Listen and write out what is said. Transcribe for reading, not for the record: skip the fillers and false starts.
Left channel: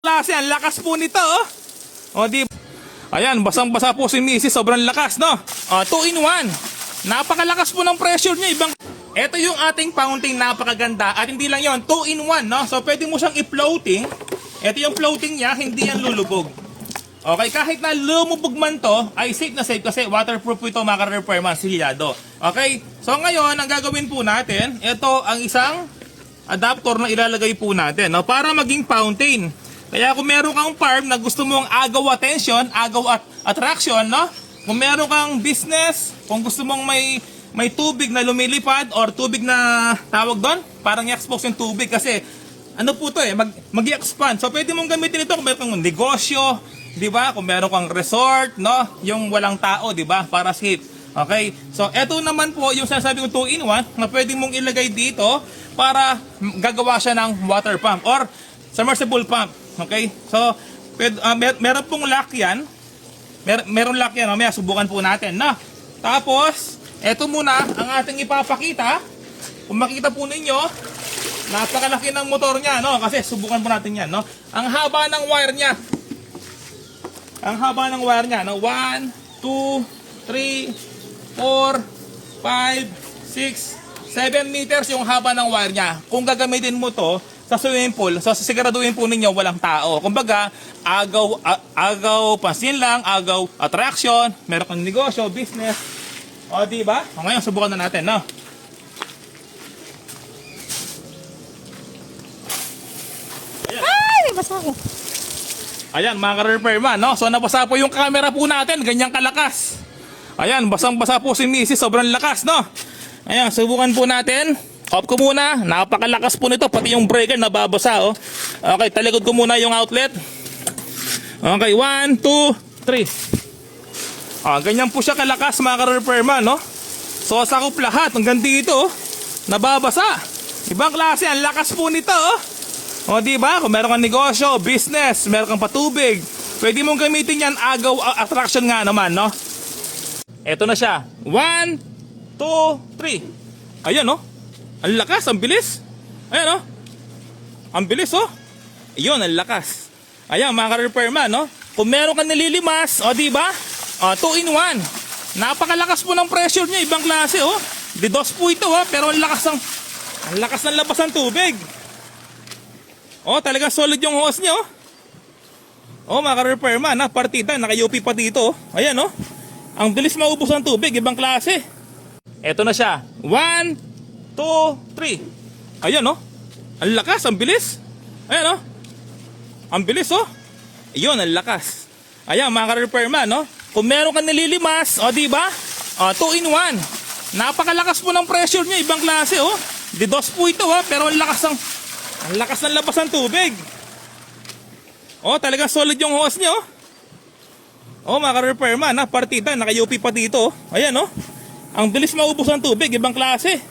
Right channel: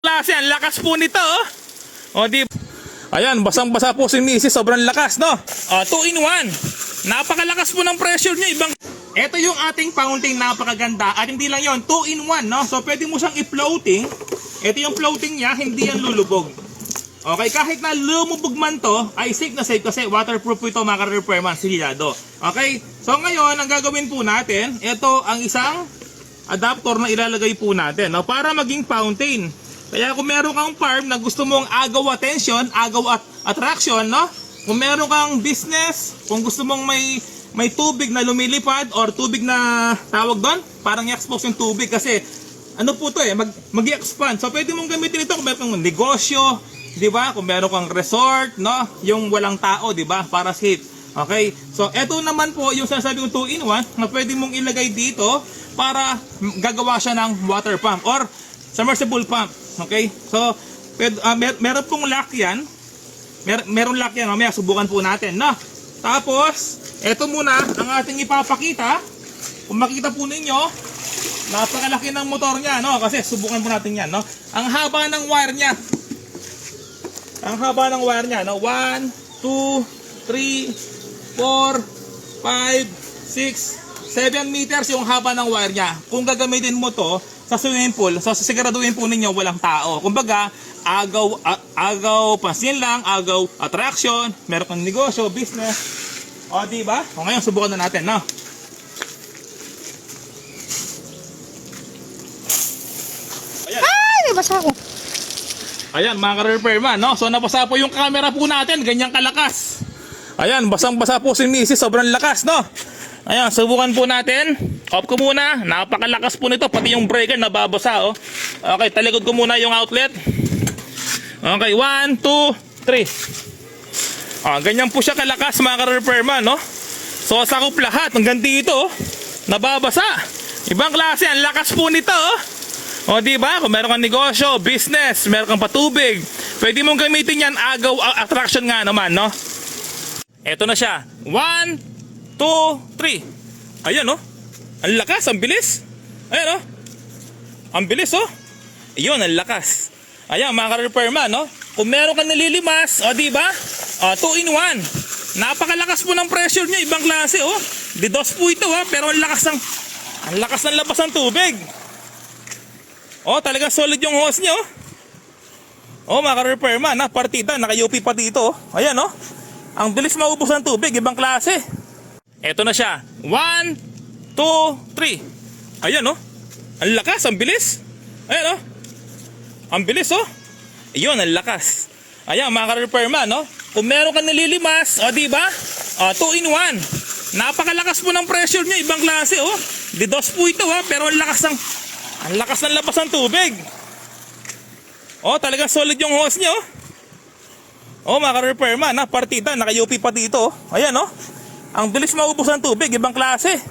Klase, ang lakas po nito, oh. O, di. Ayan, basang-basa po si Mrs. Sobrang lakas, no? 2 in 1. Napakalakas po ng pressure niya. Ito yung ating fountain, napakaganda. At hindi lang yon, 2 in 1, no? So, pwede mo siyang i-floating. Ito yung floating niya, hindi yan lulubog. Okay, kahit na lumubog man to, ay safe na safe kasi waterproof ito, maka-repair man, silyado. Okay, so ngayon, ang gagawin po natin, ito ang isang adapter na ilalagay po natin, no? Para maging fountain. Kaya kung meron kang farm na gusto mong agaw attention, agaw at attraction, no? Kung meron kang business, kung gusto mong may tubig na lumilipad or tubig na tawag doon, parang i-expose yung tubig kasi ano po to mag-i-expand. So pwede mong gamitin ito kung meron kang negosyo, di ba? Kung meron kang resort, no? Yung walang tao, di ba? Para safe. Okay? So eto naman po yung sinasabi ko 2 in 1 na pwede mong ilagay dito para gagawa siya ng water pump or submersible pump. Okay? So, meron pong lock yan. Meron lock yan. Mamaya, subukan po natin. No? Tapos, eto muna ang ating ipapakita. Kung makita po ninyo, napakalaki ng motor niya. No? Kasi, subukan po natin yan. No? Ang haba ng wire niya. Ang haba ng wire niya. No? 1, 2, 3, 4, 5, 6, 7 meters yung haba ng wire niya. Kung gagamitin mo to sa swimming pool, siguraduhin po ninyo walang tao. Kumbaga, agaw pansin lang, agaw attraction, meron kang negosyo, business. O, diba? O, ngayon, subukan na natin, no? Ayan. Ay, may basa ako. Ayan, mga ka-repairman, no? So, nabasa po yung camera po natin, ganyang kalakas. Ayan, basang-basa po si Mrs. Sobrang lakas, no? Ayan, subukan po natin. Off ko muna. Napakalakas po nito. Pati yung breaker nababasa, oh. Okay, talikod ko muna yung outlet. Okay, 1, 2, 3. Ganyan po siya kalakas, mga ka-repairman, no? So, sakop lahat. Hanggang dito, oh. Nababasa. Ibang klase. Ang lakas po nito, oh. O, diba? Kung meron kang negosyo, business, meron kang patubig, pwede mong gamitin yan, agaw, attraction nga naman, no? Eto na siya. 1, 2, 3. Ayan, oh. Ang lakas, ang bilis. Ayan, oh. Ang bilis, oh. Iyon, ang lakas. Ayan, mga ka-repairman, no? Kung meron kang nililimas, o, diba? 2 in 1. Napakalakas po ng pressure niya, ibang klase, oh. Didos po ito, oh. Pero ang lakas ng labas ng tubig. Oh, talaga solid yung hose niya, oh. Oh, mga ka-repairman, ha? Partida, naka-UP pa dito, oh. Ayan, oh. Ang bilis maubos ng tubig, ibang klase. Eto na siya. 1, 2, 3. Ayan, oh. Ang lakas, ang bilis. Ayan, oh. Ang bilis, oh. Iyon, ang lakas. Ayan, mga ka-repairman, no? Kung meron kang nililimas, o, diba? 2 in 1. Napakalakas po ng pressure niya, ibang klase, oh. Didos po ito, ha? Pero ang lakas ng labas ng tubig. Oh, talaga solid yung hose niya, oh. Oh, mga ka-repairman, ha? Partida, naka-UP pa dito, oh. Ayan, oh. Ang bilis maubos ng tubig, ibang klase.